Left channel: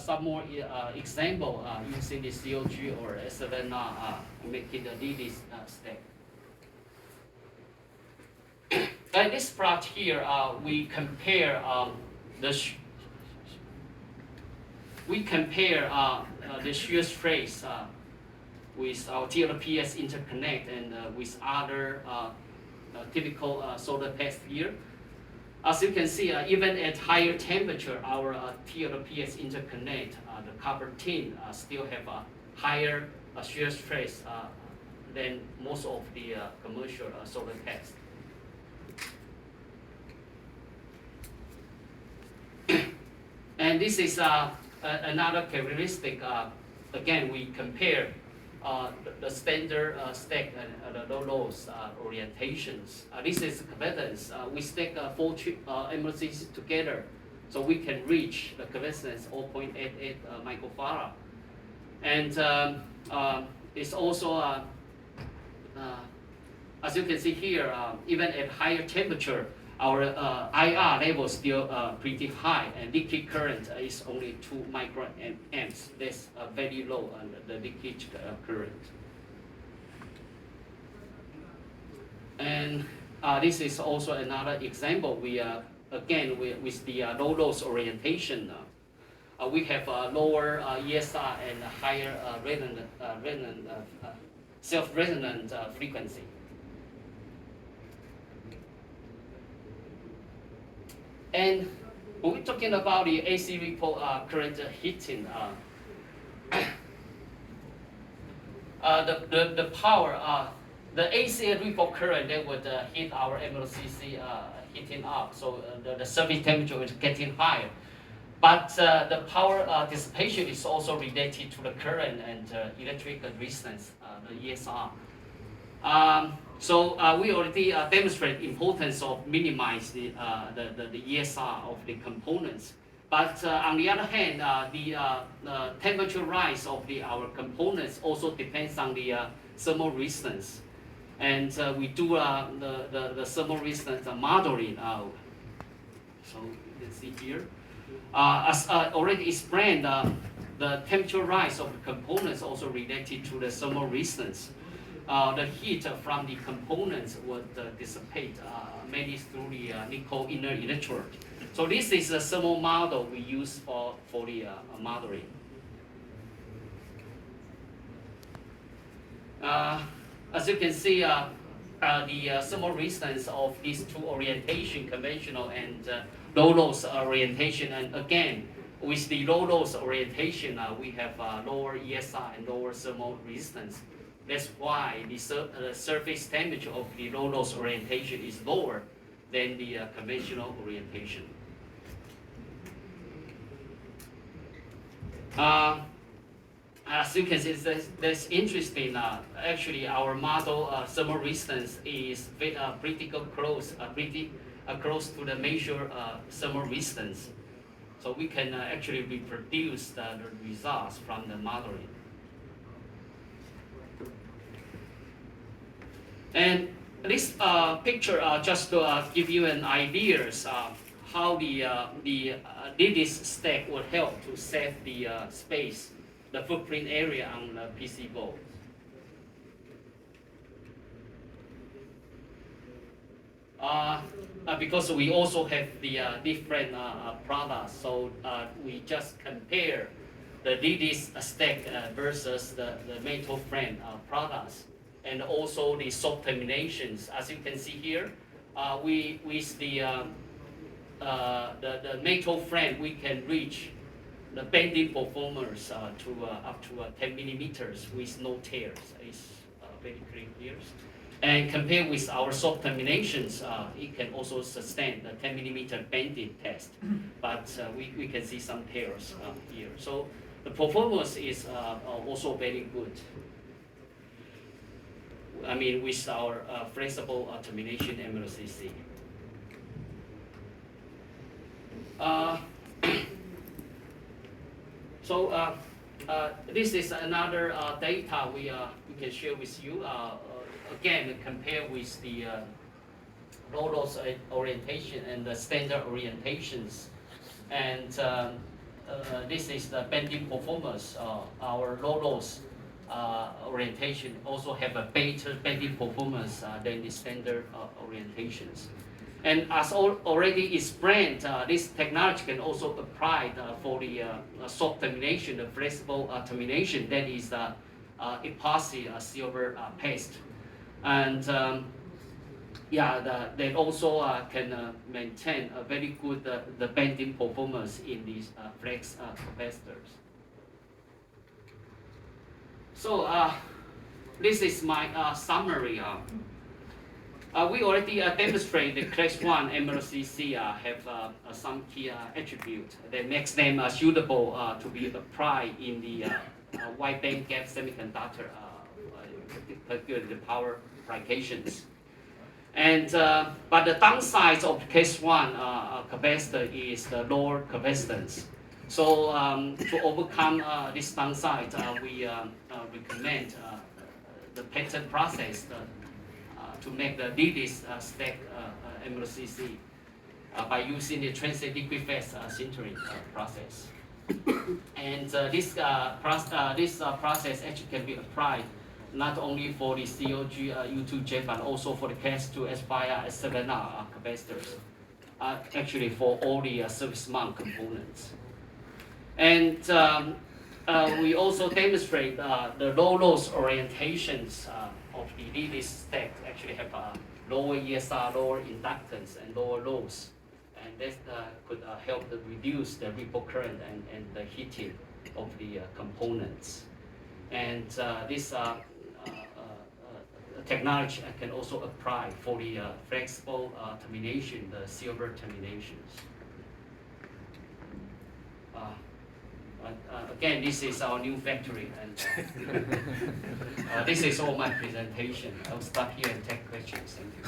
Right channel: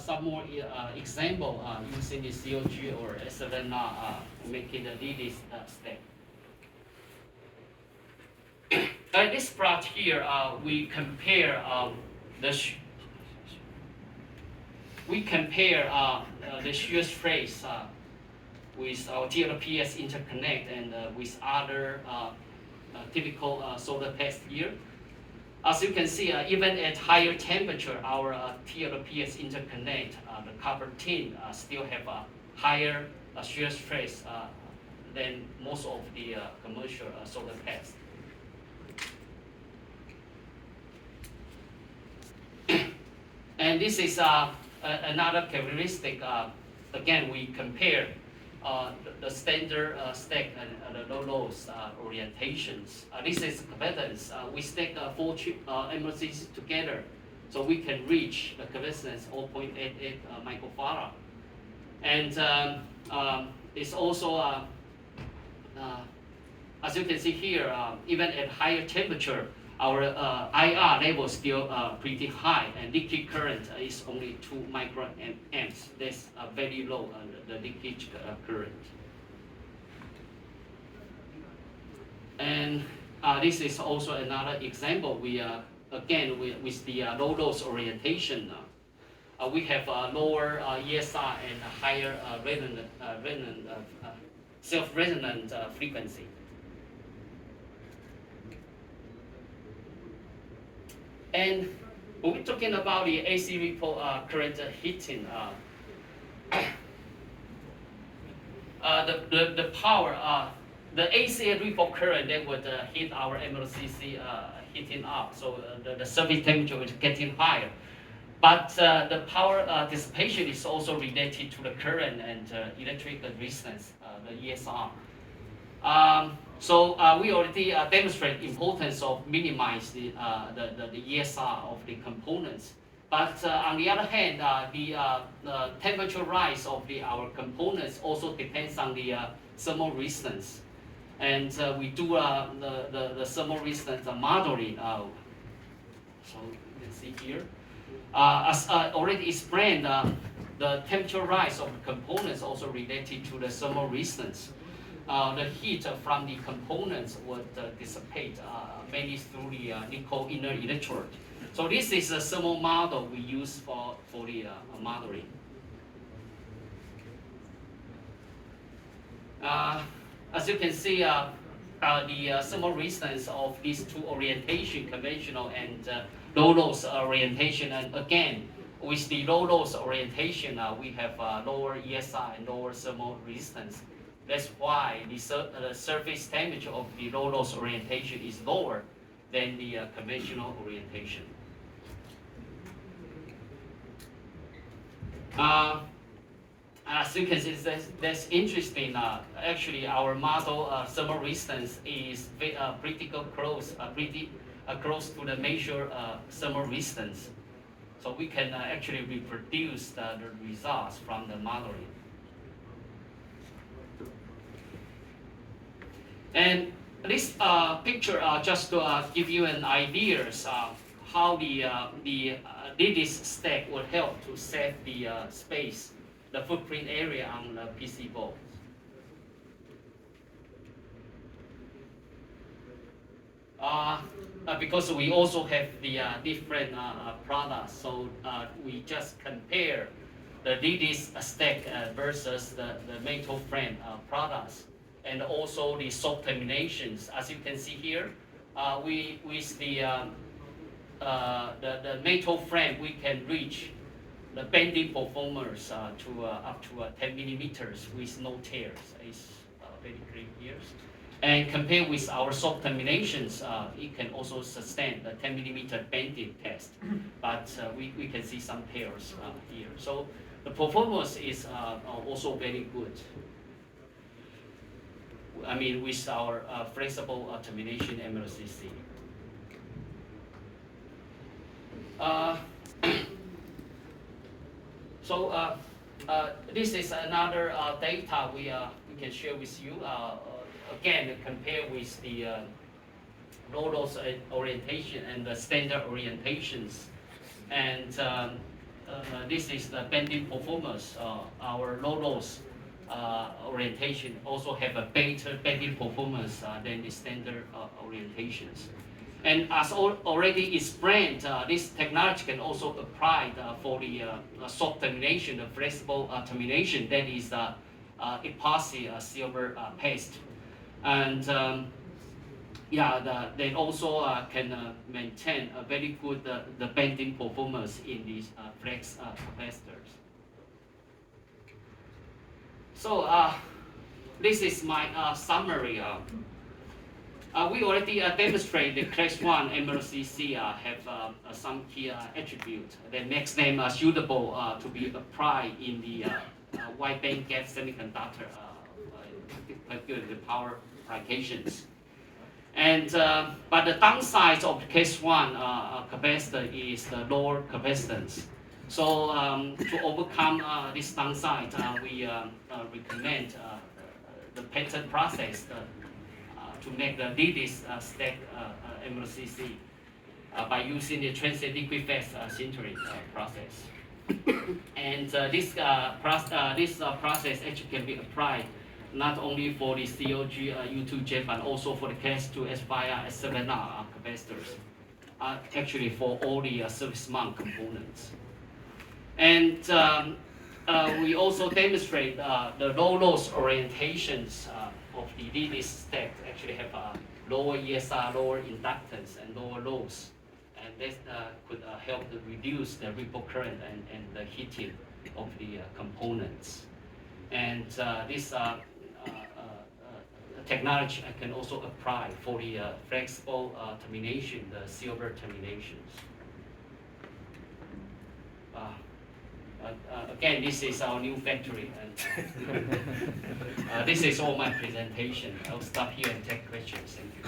some more example using the COG or S7 making the Leadless stack. In this plot here, we compare the shear stress with our TLPS interconnect and with other typical solar test here. As you can see, even at higher temperature, our TLPS interconnect, the copper tin, still have a higher shear stress than most of the commercial solar tests. And this is another characteristic. Again, we compare the standard stack and the low loss orientations. This is capacitance. We stack 4 MLCCs together, so we can reach the capacitance 0.88 microfarad. And it's also, as you can see here, even at higher temperature, our IR level is still pretty high, and liquid current is only 2 microamps. That's very low on the liquid current. And this is also another example. We again with the low loss orientation, we have a lower ESR and a higher self-resonant frequency. And when we're talking about the AC ripple current heating, the power, the AC ripple current that would hit our MLCC heating up, so the surface temperature is getting higher. But the power dissipation is also related to the current and electric resistance, the ESR. So we already demonstrate importance of minimize the ESR of the components. But on the other hand, the temperature rise of our components also depends on the thermal resistance. And we do the thermal resistance modeling. So you can see here. As already explained, the temperature rise of the components also related to the thermal resistance. The heat from the components would dissipate mainly through the nickel inner electrode. So this is a thermal model we use for the modeling. As you can see, the thermal resistance of these two orientation, conventional and low loss orientation, and again, with the low loss orientation, we have lower ESI and lower thermal resistance. That's why the surface temperature of the low loss orientation is lower than the conventional orientation. As you can see, that's interesting. Actually, our model thermal resistance is pretty close to the measured thermal resistance. So we can actually reproduce the results from the modeling. And this picture just to give you an idea how the Leadless stack would help to set the space, the footprint area on the PC board. Because we also have the different products, so we just compare the Leadless stack versus the metal frame products, and also the soft terminations. As you can see here, with the metal frame, we can reach the bending performance to up to 10 millimeters with no tears. It's very clear here. And compared with our soft terminations, it can also sustain the 10 millimeter bending test, but we can see some tears here. So the performance is also very good. I mean, with our flexible termination MLCC. So this is another data we can share with you. Again, compare with the low loss orientation and the standard orientations, and this is the bending performance. Our low loss orientation also have a better bending performance than the standard orientations. And as already explained, this technology can also be applied for the soft termination, the flexible termination, that is epoxy silver paste. And they also can maintain a very good the bending performance in these flex capacitors. So this is my summary. We already demonstrated the class 1 MLCC have some key attributes that makes them suitable to be applied in the wide bandgap semiconductor, particularly the power applications. And but the downside of class 1 capacitor is the lower capacitance. So to overcome this downside, we recommend the pattern process to make the Leadless stack MLCC by using the Transient liquid phase sintering process. And this process actually can be applied not only for the COG U2J, but also for the class 2 S5R, S7R capacitors, actually for all the service mount components. And we also demonstrate the low loss orientations of the Leadless stack actually have lower ESR, lower inductance, and lower loss. And this could help to reduce the ripple current and the heating of the components. And this technology can also apply for the flexible termination, the silver terminations. Again, this is our new factory, and this is all my presentation. I'll stop here and take questions. Thank you.